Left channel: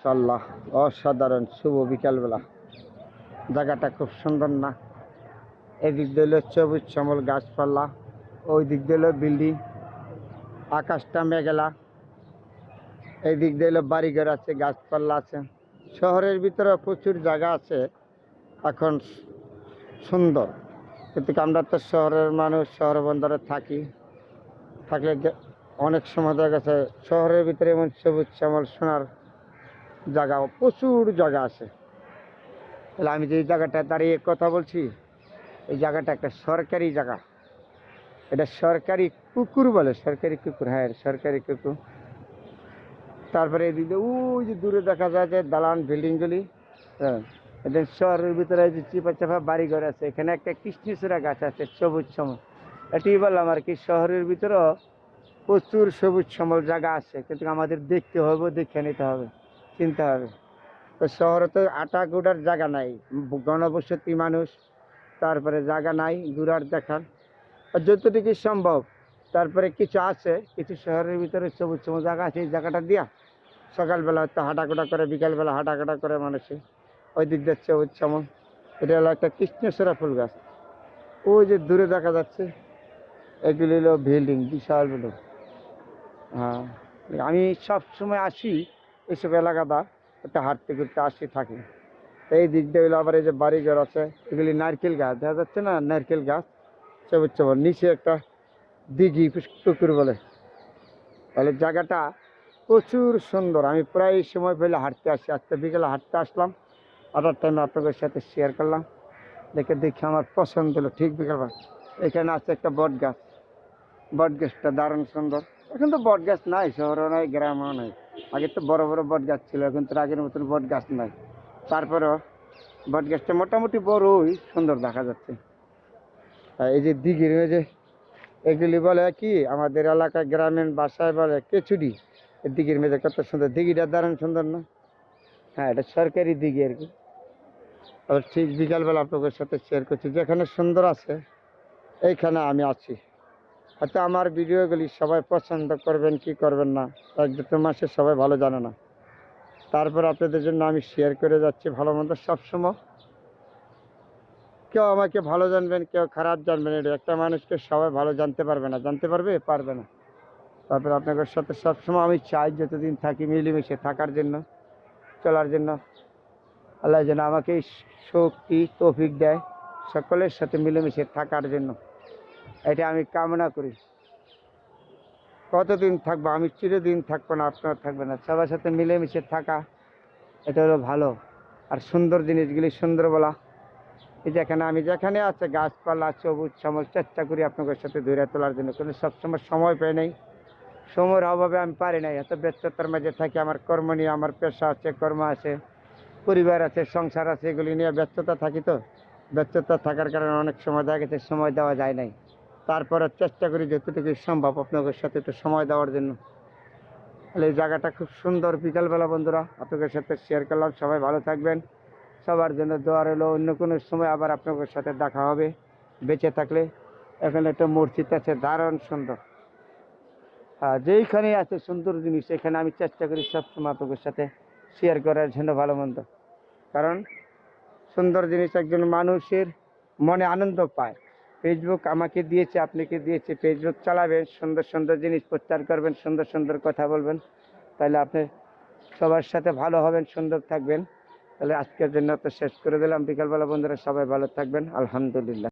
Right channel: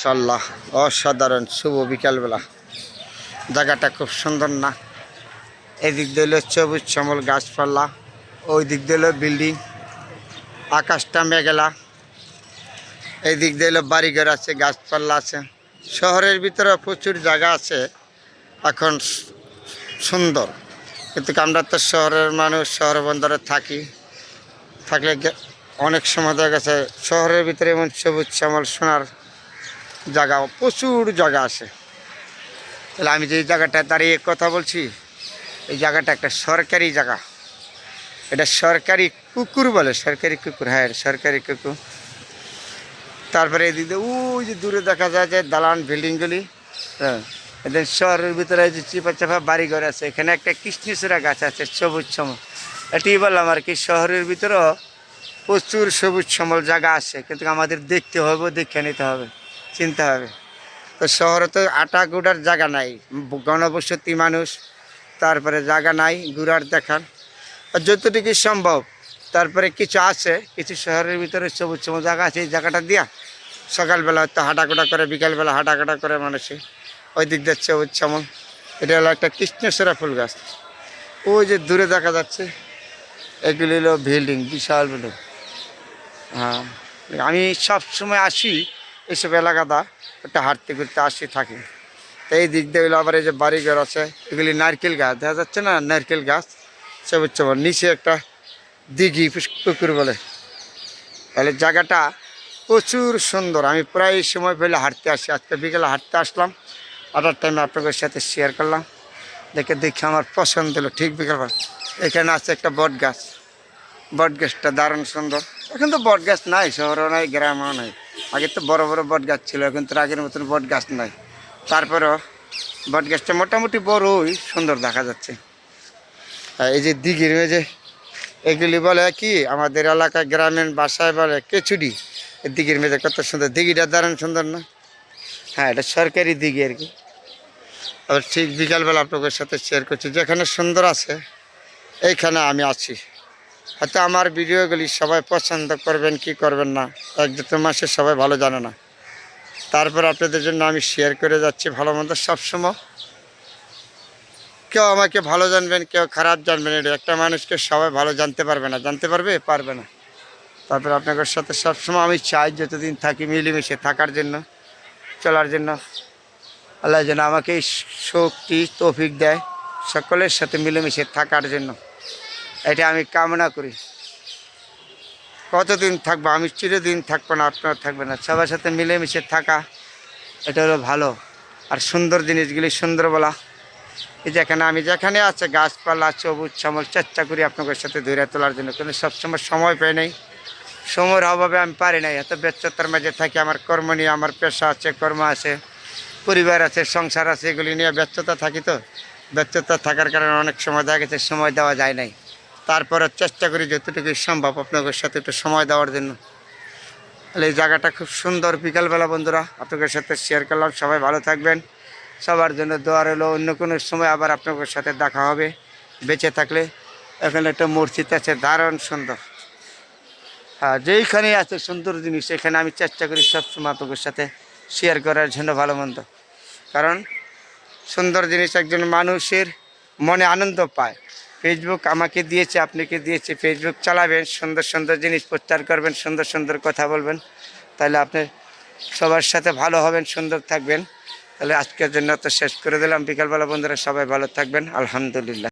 মাশাআল্লাহ, অসাধারণ শুভ বিকালবেলা। জায়গাটা খুব সুন্দর না? এদিক দিয়ে হলো সবুজ শ্যামল গাছপালা, ওই দিক দিয়ে হলো বিল্ডিং, আকাশটা মেঘলা। এই দিক দিয়ে হলো বাড়িঘর আছে, গাছপালা আছে। শহরের ভিতরে প্রচুর জায়গা আছে এখন সুন্দর, কিন্তু আমরা তো শহরের মানুষ, শহর বন্দরে থাকলে অনেক সময় দেখা গেছে শহরের ভিতরে এমন সবুজ শ্যামল সোনার জায়গা, প্রচুর জায়গা আছে। তাহলে আমি যে জায়গাটায় দাঁড়িয়ে কথা বলছি, এই জায়গাটা একটা সরকারি জায়গা। এটা সরকারি কুকুর বলে, সরকারি কুকুর, হ্যাঁ সরকারি কুকুর। তারপরে এদিকে ওই যে দূরে দেখা যায় যে দালান বিল্ডিংগুলি, হ্যাঁ এদের শহরের ভিতরে যে চিপা চাপা বাড়িঘর আছে। এখানে একটা কৃষ্ণচূড়া গাছ আছে সবুজ শ্যামল। এটি বললাম আর কি, শহরের ভিতরেও প্রচুর সবুজ শ্যামল জায়গা আছে, কিন্তু আমাদের দেখতে হবে, দেখে নিতে হবে, চিনতে হবে। তো শহরে তো আটা গুড়ার জায়গা নাই, ঘনবসতি মানুষ, তারপরে জায়গা নাই ঘুরার দেখার। আর যতটুকু সম্ভব, তারপরে কিছু আছে, কিছু শহরের ভিতরে সবুজ সবুজ জায়গা আছে। এই জায়গাটা দিয়া সকালবেলা হয়তো হাঁটাকোটা করে, বিকালবেলা হাঁটাকোটা করে মানুষে ওই দিক যাচ্ছে সবুজ শ্যামল। এটা হলো একটা কৃষ্ণচূড়া ফুল গাছ। ওই যে দূরে দেখা যাচ্ছে, এগুলি হলো বিল্ডিং, বিশাল বিল্ডিং। হ্যাঁ, আমি সব সময় আসি এইসব এলাকাটা, একটা হাঁটতে ঘুরতে আসি থাকি। তো এই দিক দিয়ে হলো আবার এই যে বাড়িঘর আছে, এগুলি নারকেল গাছ দেখা যাচ্ছে না, নারকেল গাছ সবুজ শ্যামল। নিচে একটা দিঘি, পুকুর বলে। তাহলে জায়গাটা প্রচুর সুন্দর। আমি প্রায় সময় পেলে হাঁটতে আসি। আজকে বিকেলে হাঁটতে আসলাম, আটার টাইমে আপনাদের সাথে শেয়ার করলাম। দেখে আমার পছন্দ হলো। ঠিক বিকেলবেলা এখানে আছে একটা বট গাছ, বট গাছটা দারুণ সুন্দর। এখন তো বট গাছ নাই, শহরেও নাই, গ্রামেও নাই। আগে তো বড় বড় বট গাছ ছিল, এখন তো আগের মতন বট গাছ নাই। তারপরেও বট গাছটা মোটামুটি বড়ই সুন্দর দেখা যাচ্ছে। এই যে দিঘির মেঝে, এগুলি বলে কি আমাদের এলাকায় গ্রামীণ ভাষায় বলে কেচুডি। এই দিঘির মেঝে কত সুন্দর, দিঘিটা দারুণ সুন্দর না? হ্যাঁ, এটা সরকারি দিঘি আর কি। আবার ঠিক বিকালবেলা আপনাদের সাথে শেয়ার করছি, যেখানে সুন্দর আছে এইখানে আমি আছি। হয়তো আমার ভিডিওগুলি সবাই পছন্দ করবেন কি করবেন না, এক দুটো মাসে সবাই ভালো জানে না। তারপর আপনাদের জন্য আমি শেয়ার করে যাচ্ছি ভালো মন্দ সবসময়। কেউ আমাকে ভালো জানবেন, কেউ খারাপ জানবেন, এটা একটা মানুষকে সবাই ভালো জানতে পারবে না, জানতে পারবে না। তারপর আপনাদের সাথে সবসময় আমি চাই যতদিন থাকি মিলেমিশে থাকার জন্য, চলার জন্য। আল্লাহ যেন আমাকে এই শক্তি তৌফিক দেয় সকলের সাথে মিলেমিশে থাকার জন্য, এটা আমি কামনা করি। কতদিন থাকবো, আমি চিরদিন থাকবো না, আপনারা থাকবে না। সবার সাথে মিলেমিশে থাকা, এটা হলো ভালো। আর সুন্দর জিনিসগুলি সুন্দর বলা। এই যেখানে আমি যেখানে আছে গাছপালা সবুজ শ্যামল, চেষ্টা করি আপনাদের সাথে ধরে তোলার জন্য, কিন্তু সবসময় সময় পাই নাই, সময়ের অভাবে আমি পারি নাই। এত ব্যস্ততার মাঝে থাকি, আমার কর্ম নিয়ে, আমার পেশা আছে, কর্ম আছে, পরিবার আছে, সংসার আছে, এগুলি নিয়ে ব্যস্ততা থাকি। তো ব্যস্ততা থাকার কারণে অনেক সময় দেখা গেছে সময় দেওয়া যায় নাই। তারপরে চেষ্টা করি যতটুকু সম্ভব আপনাদের সাথে একটু সময় দেওয়ার জন্য। তাহলে এই জায়গাটা খুব সুন্দর। বিকালবেলা বন্ধুরা আপনাদের সাথে শেয়ার করলাম। সবাই ভালো থাকবেন, সবার জন্য দোয়া রইল। অন্য কোনো সময় আবার আপনাদের সাথে দেখা হবে বেঁচে থাকলে। এখানে একটা মসজিদ আছে দারুণ সুন্দর। হ্যাঁ, যেইখানে আছে সুন্দর জিনিস, এখানে আমি চেষ্টা করি সবসময় আপনাদের সাথে শেয়ার করার জন্য ভালো মন্দ। কারণ সুন্দর জিনিস একজন মানুষের মনে আনন্দ পায়। ফেসবুক আমাকে দিয়েছে, আপনাকে দিয়েছে, ফেসবুক চালাবেন, সুন্দর সুন্দর জিনিস প্রচার করবেন, সুন্দর সুন্দর কথা বলবেন, তাহলে আপনি সবার সাথে ভালো হবেন, সুন্দর থাকবেন। তাহলে আজকের জন্য তো শেষ করে দিলাম। বিকালবেলা বন্ধুরা সবাই ভালো থাকবেন, আলহামদুলিল্লাহ।